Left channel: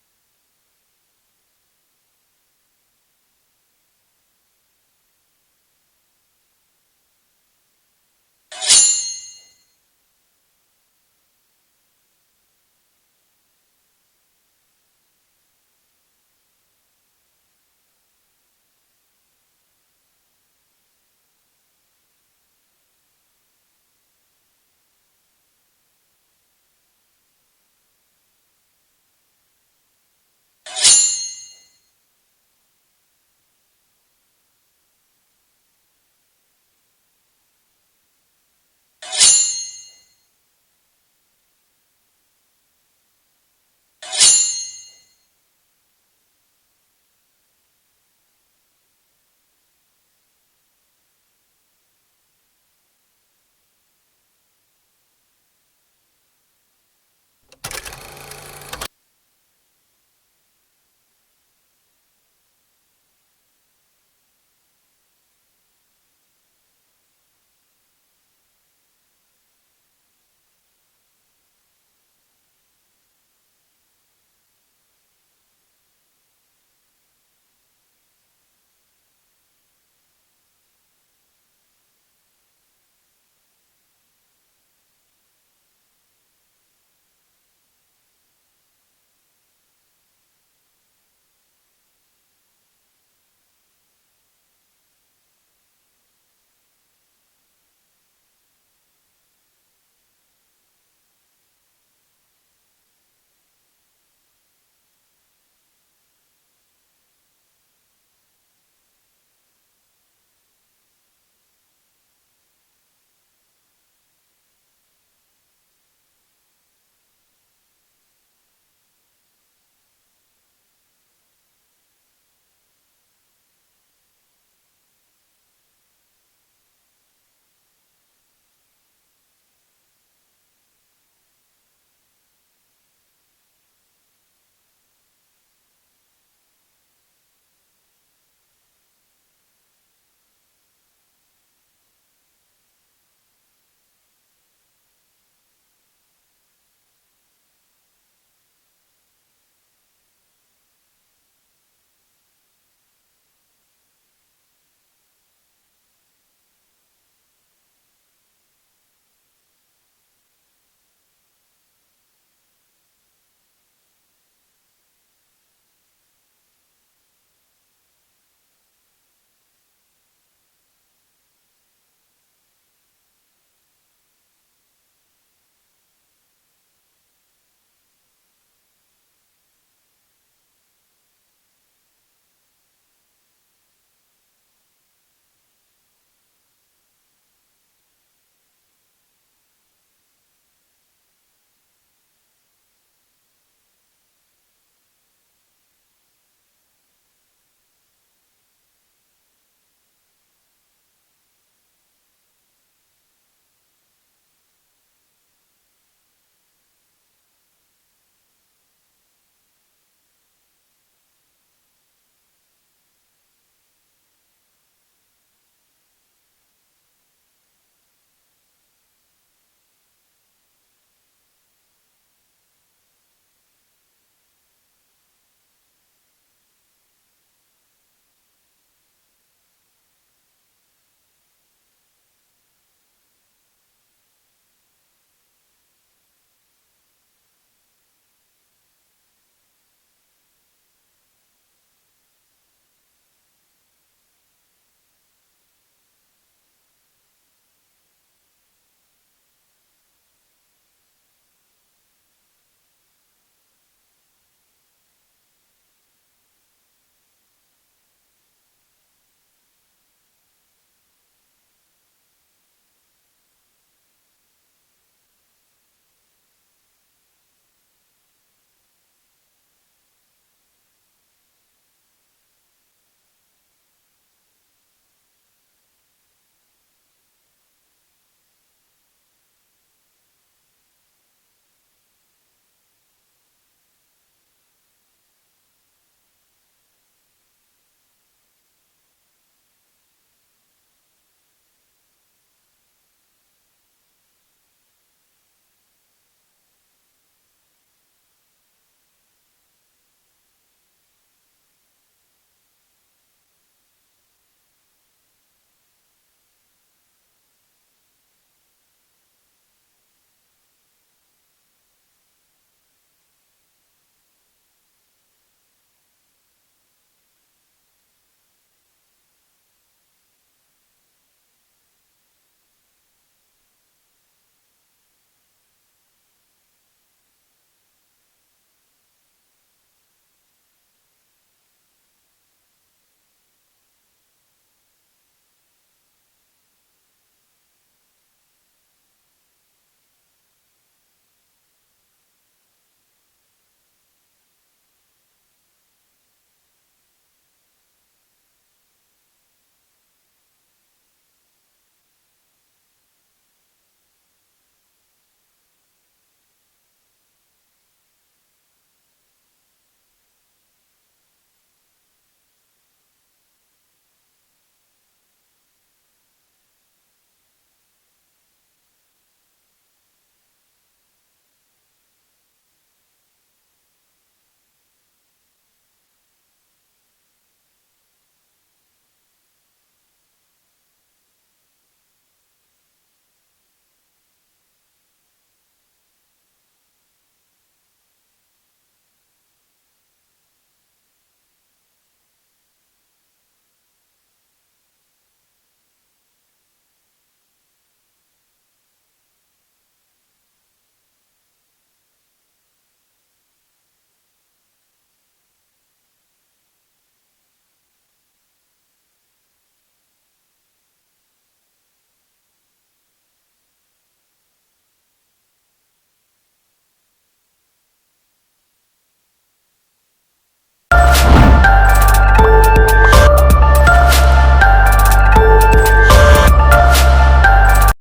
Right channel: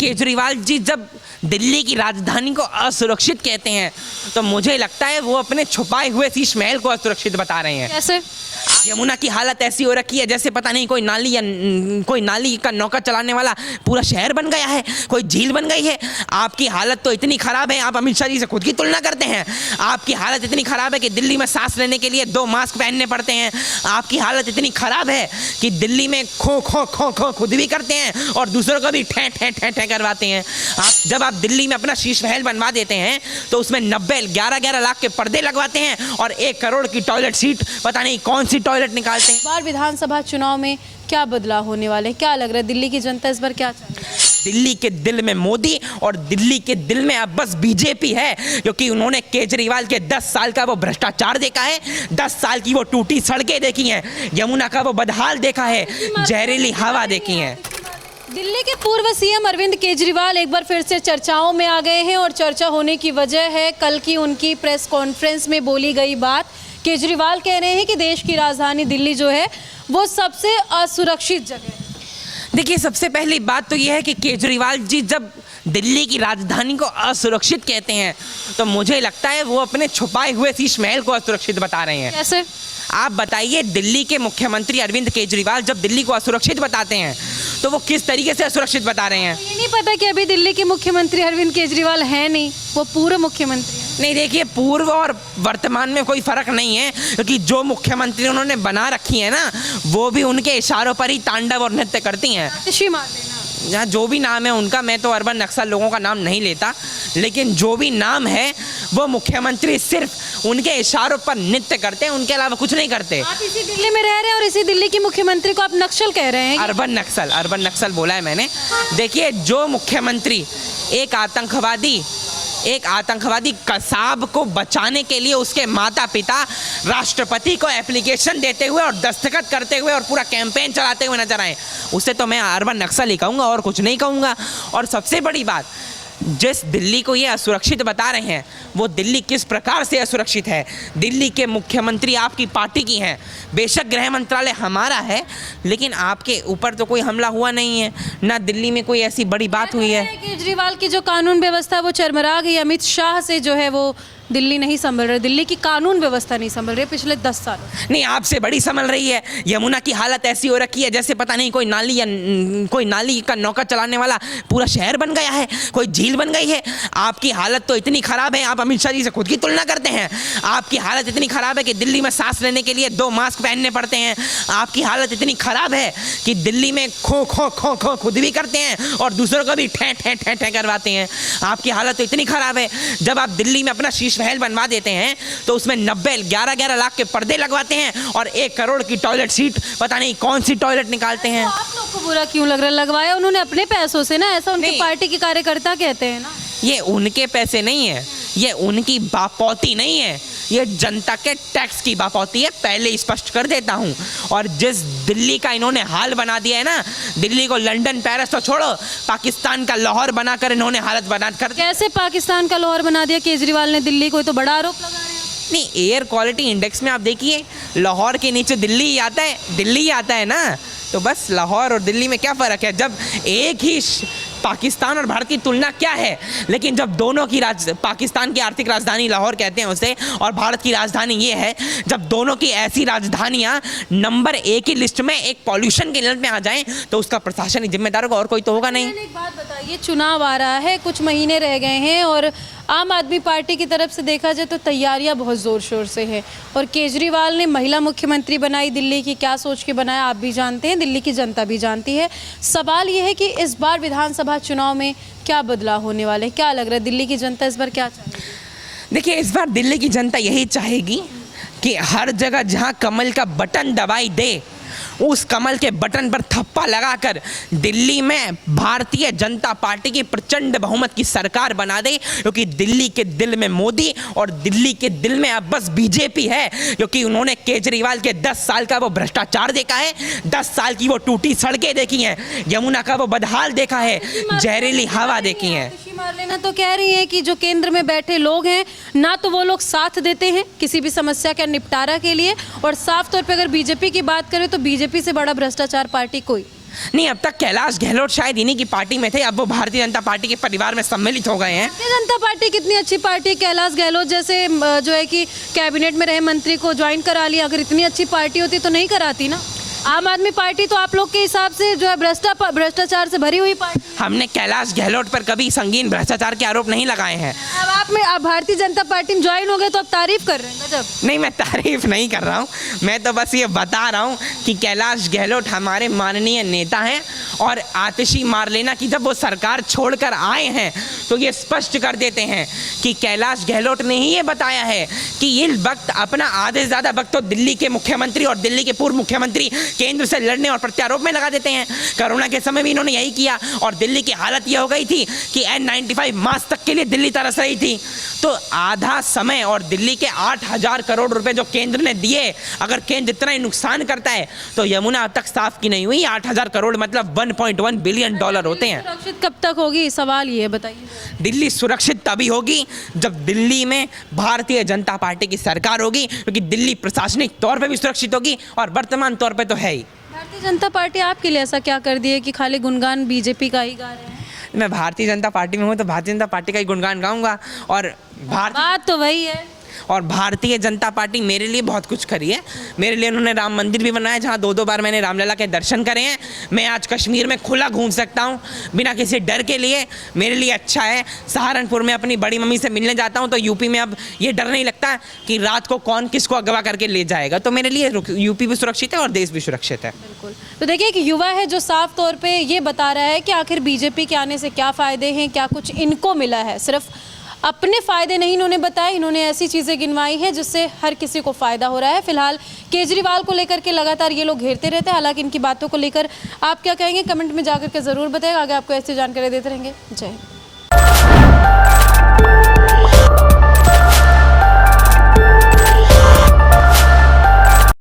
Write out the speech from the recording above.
केजरीवाल जी जब दिल्ली की राजधानी को असुरक्षित कहते हैं तो मुझे लगता है वो अपने छुपाए हुए शीश महल को असुरक्षित बता रहे हैं। कैसे? यमुना की हालत ऐसी हो रखी है जैसे पता नहीं कोई नाली का नौका चलाने वाला पूरा शहर बन गया है, कोई झील बन गई है। आपकी हालत तो इतनी खराब है, आप अमित शाह जी से खुद की तुलना करते हैं। आपकी हालत इतनी खराब है कि दिल्ली में सांस लेने के लिए 2 मास्क पहनने पड़ते हैं। आपकी हालत इतनी खराब है कि दिल्ली में खो खो खो खो खुद भी करते हैं और दूसरों को भी ठे ठे ठे ठे करवाते हैं। जब आप दिल्ली में अपना शीश महल बनवा देते हैं तो उसमें 11 लाख के पर्दे लगवाते हैं और 1 करोड़ की टॉयलेट सीट पता नहीं कौन सी टॉयलेट निकालते हैं। इस बार विधानसभा चुनाव में क्या बदलाव होने वाले हैं? क्या लग रहा है दिल्ली की जनता इस बार क्या चाहती है? दिल्ली के दिल में मोदी और दिल्ली के दिल में अब बस बीजेपी है, क्योंकि उन्होंने केजरीवाल के 10 साल का वो भ्रष्टाचार देखा है, 10 साल की वो टूटी सड़कें देखी हैं, यमुना का वो बदहाल देखा है, जहरीली हवा देखी है। दिल्ली के पूर्व सीएम अरविंद केजरीवाल एक बार फिर से चर्चाओं में आ गए हैं और चर्चा होने की वजह है कल की उनकी प्रेस कॉन्फ्रेंस में बोली गई बात। केजरीवाल कह रहे हैं कि देश की राजधानी दिल्ली जो है वो सबसे असुरक्षित जगह है। देखिए, सबसे पहली बात तो यह है कि केजरीवाल जी जब दिल्ली की राजधानी को असुरक्षित कहते हैं तो मुझे लगता है वो अपने छुपाए हुए शीश महल को असुरक्षित बता रहे हैं। कैसे? आप बताइए, दिल्ली के मुख्यमंत्री अरविंद केजरीवाल जब दिल्ली को असुरक्षित बताते हैं तो वो किस तरीके से असुरक्षित बता रहे हैं? ये नहीं पता कि अभी दिल्ली के मुख्यमंत्री अरविंद केजरीवाल है नहीं, वो पूर्व मुख्यमंत्री है। नहीं, देखिए, पूर्व और वर्तमान में कोई फर्क नहीं है, क्योंकि जो मुख्यमंत्री उन्होंने बना रखी है ना, वो भी उनके इशारों पर ही तांडव और नृत्य करती हैं। आतिशी मार देना। यहाँ जो भी नाम है उनका, मैं तो अर्बन नक्सल लोगों का नाम नहीं लेता, लेकिन जो भी नाम है वो मुख्यमंत्री सिर्फ उनके इशारों पर नृत्य करते हैं, उनके अलावा कुछ नहीं करते। आप इसी दिल्ली में रह रहे हैं और इसी दिल्ली की मुख्यमंत्री को आप नक्सल कह रहे हैं? अर्बन नक्सल बोला है मैंने। देखिए, जो मुख्यमंत्री एक आतंकवादी कसाब को बचाने के लिए उसके माता पिता राष्ट्रपति को एप्लीकेशन देते हुए और दस्तखत करते हुए और पूरा कैंपेन चलाते हुए नजर आए, उसे तो मैं अर्बन नक्सल ही कहूँगा और कुछ नहीं कहूँगा। और सबसे बड़ी बात, जिस दिल्ली को ये असुरक्षित बता रहे हैं वो दिल्ली किस प्रकार से असुरक्षित है। दिल्ली के मुख्यमंत्री आपकी पार्टी की हैं, बेशक गृह मंत्रालय हमारा है, लेकिन आपके ऊपर तो कोई हमला हुआ नहीं है, ना दिल्ली में कोई ऐसी बड़ी बात हुई है। केजरीवाल की जो कानून व्यवस्था वो चरमरा गई। अमित शाह से जो है वो दिल्ली नहीं संभल रहे, दिल्ली की कानून व्यवस्था नहीं संभल रही पिछले 10 साल। नहीं, आपसे बड़ी संभल रही है। यमुना की हालत ऐसी हो रखी है जैसे पता नहीं कोई नाली का नौका चलाने वाला पूरा शहर बन गया है, कोई झील बन गई है। आपकी हालत तो इतनी खराब है, आप अमित शाह जी से खुद की तुलना करते हैं। आपकी हालत इतनी खराब है कि दिल्ली में सांस लेने के लिए 2 मास्क पहनने पड़ते हैं। आपकी हालत इतनी खराब है कि दिल्ली में खो खो खो खो खुद भी करते हैं और दूसरों को भी ठे ठे ठे ठे करवाते हैं। आपकी हालत तो इतनी खराब है, जब आप दिल्ली में अपना शीश महल बनवा देते हैं तो उसमें 11 लाख के पर्दे लगवाते हैं और 1 करोड़ की टॉयलेट सीट पता नहीं कौन सी टॉयलेट निकालते हैं। तो आप लोग को बुरा क्यों लग रहा है? लगवाया उन्होंने अपने पैसों से ना, ऐसा उनके पार्टी के कार्यकर्ता कहते हैं ना। ये उनके पैसे नहीं है, ये उनकी बापौती नहीं है, ये जनता के टैक्स की बापौती है, पहले स्पष्ट कर देता हूँ। और जिस दिल्ली का इन्होंने हाल बना दिया है ना, दिल्ली को लंदन पेरिस तो छोड़ो, पाकिस्तान का लाहौर बनाकर इन्होंने हालत बना कर। कैसे पाकिस्तान का लाहौर बना दिया केजरीवाल ने दिल्ली को? तो बड़ा आरोप लगा रहे हैं। नहीं, एयर क्वालिटी इंडेक्स में आप देखिए, लाहौर के नीचे दिल्ली ही आता है ना, तो बस लाहौर और दिल्ली में क्या फ़र्क है? जब एक ही पाकिस्तान और भारत की तुलना क्या है, लेकिन जब दोनों की पाकिस्तान की आर्थिक राजधानी लाहौर कहते हैं उसे और भारत की राजधानी ये है, जब दोनों की ऐसी राजधानियां नंबर 1 की लिस्ट में एक पॉल्यूशन की लिस्ट में आ जाएं तो उसका प्रशासन ही जिम्मेदार होगा और कोई तो होगा नहीं। एक बात बताइए, चुनाव आ रहा है, कुछ महीने रह गए हैं और आम आदमी पार्टी की तरफ से देखा जाए तो तैयारियां बहुत ज़ोर शोर से है और केजरीवाल ने महिला मुख्यमंत्री बनाई दिल्ली की, क्या सोच के बनाया आप भी जानते हैं, दिल्ली की जनता भी जानती है। सवाल यह है कि इस बार विधानसभा चुनाव में क्या बदलाव होने वाले हैं? क्या लग रहा है दिल्ली की जनता इस बार क्या चाहेगी? देखिए, इस बार दिल्ली की जनता यही चाहेगी कि हर जगह जहां कमल का बटन दबाई दे, उस कमल के बटन पर थप्पा लगाकर दिल्ली में भारतीय जनता पार्टी की प्रचंड बहुमत की सरकार बना दे, क्योंकि दिल्ली के दिल में मोदी और दिल्ली के दिल में अब बस बीजेपी है, क्योंकि उन्होंने केजरीवाल के 10 साल का वो भ्रष्टाचार देखा है, 10 साल की वो टूटी सड़कें देखी हैं, यमुना का वो बदहाल देखा है, जहरीली हवा देखी है। मार लेना तो कह रही है कि जो केंद्र में बैठे लोग हैं ना, तो वो लोग साथ देते हैं किसी भी समस्या के निपटारा के लिए, और साफ तौर पे अगर बीजेपी की बात करें तो बीजेपी से बड़ा भ्रष्टाचार पार्टी कोई नहीं, अब तक कैलाश गहलोत शायद इन्हीं की पार्टी में थे, अब वो भारतीय जनता पार्टी के परिवार में सम्मिलित हो गए हैं। भारतीय जनता पार्टी कितनी अच्छी पार्टी है, कैलाश गहलोत जैसे जो है कि कैबिनेट में रहे मंत्री को ज्वाइन करा लिया। अगर इतनी अच्छी पार्टी होती तो नहीं कराती ना। आम आदमी पार्टी तो आप लोग के हिसाब से जो है भ्रष्टाचार से भरी हुई पार्टी। हमने कैलाश गहलोत पर कभी संगीन भ्रष्टाचार के आरोप नहीं लगाए हैं। अब आप भारतीय जनता पार्टी में ज्वाइन हो गए तो आप तारीफ कर रहे हैं। गजब। नहीं, मैं तारीफ नहीं कर रहा हूँ, मैं तो बस ये बता रहा हूँ कि कैलाश गहलोत हमारे माननीय नेता हैं और आतिशी मारलेना की जब वो सरकार छोड़कर आए हैं तो ये स्पष्ट कर देते हैं कि कैलाश गहलोत ने ही ये बताया है कि ये वक्त अपना आधे से ज़्यादा वक्त तो दिल्ली के मुख्यमंत्री और दिल्ली के पूर्व मुख्यमंत्री केंद्र से लड़ने और प्रत्यारोप में लगा देते हैं। कोरोना के समय भी इन्होंने यही किया और दिल्ली की हालत ये हो गई थी कि N95 मास्क तक के लिए दिल्ली तरस रही थी। तो आधा समय और दिल्ली के 8,000 करोड़ रुपए जो केंद्र ने दिए, अगर केंद्र इतना ही नुकसान करता है तो यमुना अब तक साफ की नहीं हुई। 8,000 करोड़ मतलब $1.1 बिलियन होते हैं। सुरक्षित कब तक होगी, सवाल ये बताइए। दिल्ली सुरक्षित तभी होगी जब दिल्ली में भारतीय जनता पार्टी की सरकार होगी, क्योंकि दिल्ली प्रशासनिक तौर पे भी सुरक्षित होगी और वर्तमान तौर पे तो है ही। भारतीय जनता पार्टी आपके लिए ऐसा क्या कर दी है कि खाली गुणगान बीजेपी का ही गा रहे हैं? मैं भारतीय जनता पार्टी में हूँ तो भारतीय जनता पार्टी का ही गुणगान गाऊंगा और बात तो वही है। भारतीय जनता पार्टी मेरे लिए बहुत कुछ करी है। मेरे लिए उन्होंने राम मंदिर भी बनाया जहाँ 2-2 बार मैंने रामलला के दर्शन करे हैं। मैं आज कश्मीर में खुला घूम सकता हूँ बिना किसी डर के लिए, मेरे लिए अच्छा है। सहारनपुर में अपनी बड़ी मम्मी से मिलने जाता हूँ तो यूपी में अब ये डर नहीं लगता कि रात को कौन किसको अगवा करके ले जाएगा। तो मेरे लिए यूपी भी सुरक्षित है और देश भी सुरक्षित है। बिल्कुल। तो देखिए एक युवा है जो साफ तौर पे ये बता रहा है कि आखिर बीजेपी के आने से क्या फ़ायदे हैं, क्या कुछ इनको मिला है। सिर्फ अपने फ़ायदे नहीं इन्होंने बताए, इन्होंने ऐसी चीज़ें गिनवाई हैं जिससे हर किसी को फ़ायदा हो रहा है। फिलहाल केजरीवाल को लेकर के लगातार ये लोग घेरते रहते हैं। हालांकि इनकी बातों को लेकर आप क्या कहेंगे, कमेंट में जाकर के ज़रूर बताइएगा। आगे आपको ऐसी जानकारी देते रहेंगे। जय हिंद।